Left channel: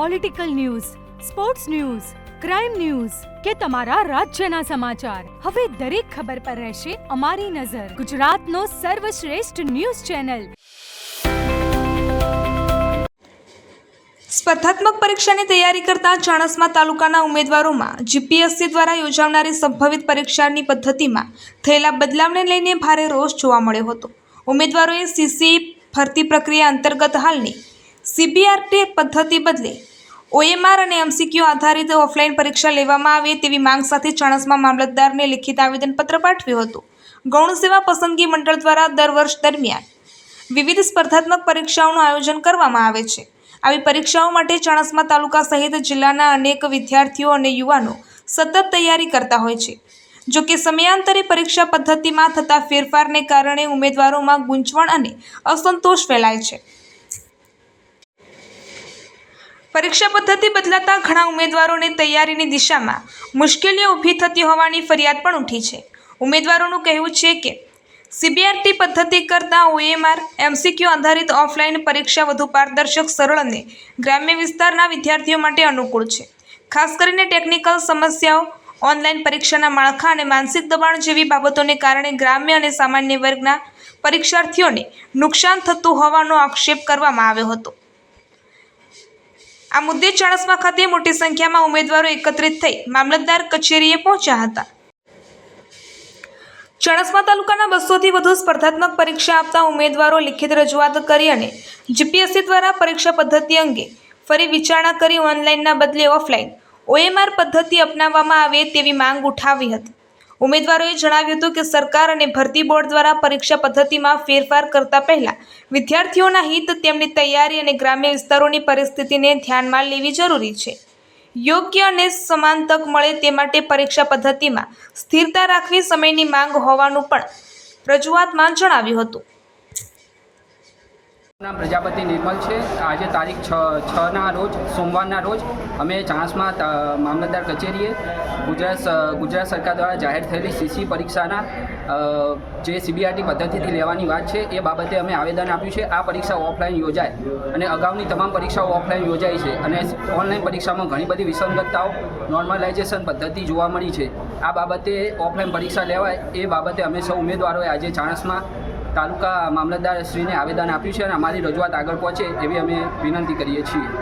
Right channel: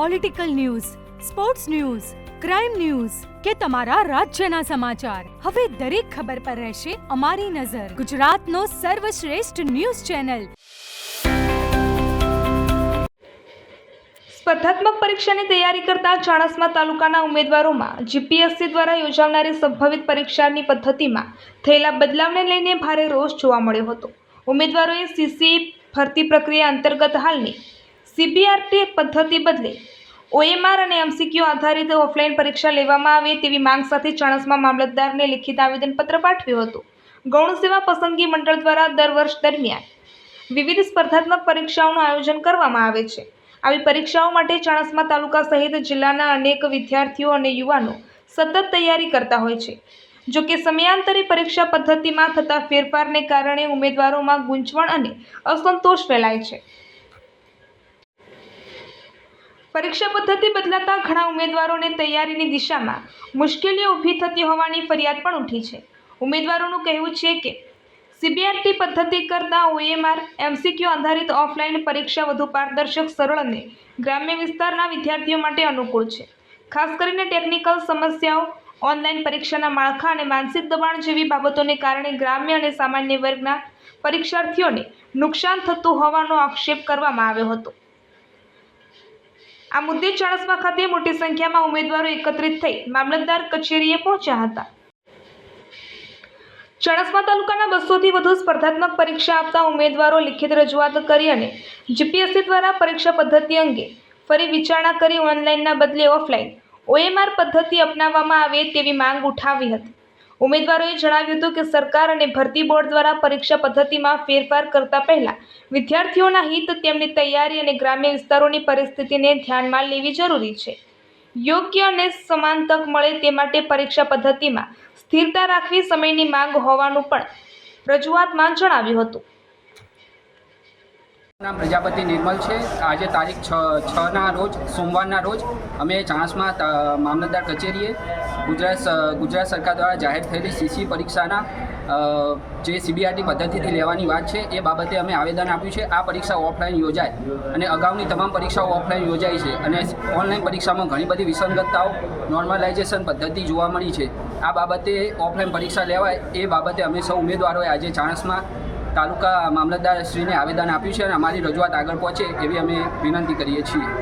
Political news, sports news, crime news કે તમારા રાજ્યના સમાચાર, હવે દરેક ખબર પર રહેશે અમારી નજર. ગુજરાતનો સર્વશ્રેષ્ઠ ન્યૂઝ ચેનલ. સ્પર્ધાત્મક પરીક્ષાની તૈયારી કરતા ચાણસ્મા તાલુકાના ઉમેદવારોમાં જીપીએસસી દ્વારા યોજાનારી સંભવિત પરીક્ષાની પદ્ધતિમાં થયેલા બદલાવને લઈને ભારે રોષ જોવા મળ્યો હતો. ઉમેદવારોએ સીસી ભરતી પ્રક્રિયા અંતર્ગત હાલની સીબીઆરટી પદ્ધતિ બદલે ઓએમઆર અને એમસીક્યુ આધારિત ઓફલાઈન પરીક્ષા લેવામાં આવે તેવી માંગ સાથે ચાણસ્મા મામલતદારને લિખિત આવેદનપત્ર પાઠવ્યું હતું. ગૌણ સેવા પસંદગી મંડળ દ્વારા દર વર્ષ દરમિયાન વિવિધ સ્પર્ધાત્મક પરીક્ષાઓનું આયોજન કરવામાં આવે છે. આવી પરીક્ષાઓ માટે ચાણસ્મા તાલુકા સહિત જિલ્લાના અનેક વિદ્યાર્થીઓ અને યુવાનો સતત તૈયારી કરતા હોય છે. જો કે સમયાંતરે પરીક્ષા પદ્ધતિમાં થતા ફેરફારને કારણે ઉમેદવારોમાં ગૂંચવણ અને અસંતોષ ફેલાય છે. પરીક્ષા પદ્ધતિ બદલાતા ઘણા ઉમેદવારોને તૈયારીની દિશામાં મુશ્કેલીઓ ઊભી થતી હોવાની ફરિયાદ પણ ઉઠી છે. ઉમેદવારોનું કહેવું છે કે સીબીઆરટી પદ્ધતિ કરતાં ઓએમઆર એમસીક્યુ આધારિત ઓફલાઈન પરીક્ષા વધુ પારદર્શક, સરળ અને ગ્રામ્ય વિસ્તારના વિદ્યાર્થીઓ માટે અનુકૂળ છે. ખાસ કરીને ટેકનિકલ સમસ્યાઓ, ઓનલાઈન પરીક્ષાના માળખા અને માનસિક દબાણ જેવી બાબતોને કારણે ગ્રામ્ય અને સામાન્ય વર્ગના પરીક્ષાર્થીઓને નુકસાન થતું હોવાનો આક્ષેપ કરવામાં આવ્યો હતો. આ મુદ્દે ચાણસ્મા ખાતે મોટી સંખ્યામાં ઉમેદવારો એકત્રિત થઈ મામલતદાર કચેરીએ પહોંચ્યા હતા. ચાણસ્મા તાલુકાના 200થી વધુ સ્પર્ધાત્મક પરીક્ષા આપતા ઉમેદવારો લિખિત રજૂઆત કરી અને જીપીએસસી દ્વારા પરીક્ષા પદ્ધતિ અંગે ફરી વિચારણા કરી ઓનલાઈનના બદલે ઓફલાઈન ઓએમઆર પદ્ધતિ અપનાવવામાં આવે તેવી માંગ ઉઠાવી હતી. ઉમેદવારોએ જણાવ્યું હતું કે સરકાર અને ભરતી બોર્ડ દ્વારા પરીક્ષા પદ્ધતિમાં ફેરફાર કરતા પહેલા વિદ્યાર્થીઓના હિત, તેમની તૈયારી અને ગ્રામ્ય વિસ્તારોની પરિસ્થિતિને ધ્યાનમાં લેવી જરૂરી છે. યોગ્ય અને સમાન તક મળે તે માટે પરીક્ષા પદ્ધતિમાં સ્થિરતા રાખવી સમયની માંગ હોવાનું પણ રજૂઆતમાં જણાવ્યું હતું. નામ પ્રજાપતિ નિર્મલ છે. આજે તારીખ 6ના રોજ, સોમવારના રોજ અમે ચાણસ્મા મામલતદાર કચેરીએ ગુજરાત સરકાર દ્વારા જાહેર થયેલી સીસી પરીક્ષાના જે સીબીઆરટી પદ્ધતિથી લેવાની વાત છે એ બાબતે અમે આવેદન આપ્યું છે. આ પરીક્ષા ઓફલાઈન યોજાય અને અગાઉની તમામ પરીક્ષાઓ ઓફલાઈન યોજાઈ છે અને ઓનલાઈન પરીક્ષામાં ઘણી બધી વિસંગતતાઓ, નોર્મલાઇઝેશન પદ્ધતિ જોવા મળી છે. આ બાબતે ઓફલાઈન પરીક્ષા લેવાય એ બાબતે અમે સૌ ઉમેદવારોએ આજે ચાણસ્મા તાલુકા મામલતદારશ્રીને આવેદન આપ્યું છે અને અમારી રજૂઆત આગળ પહોંચે એવી અમે વિનંતી કરીએ છીએ.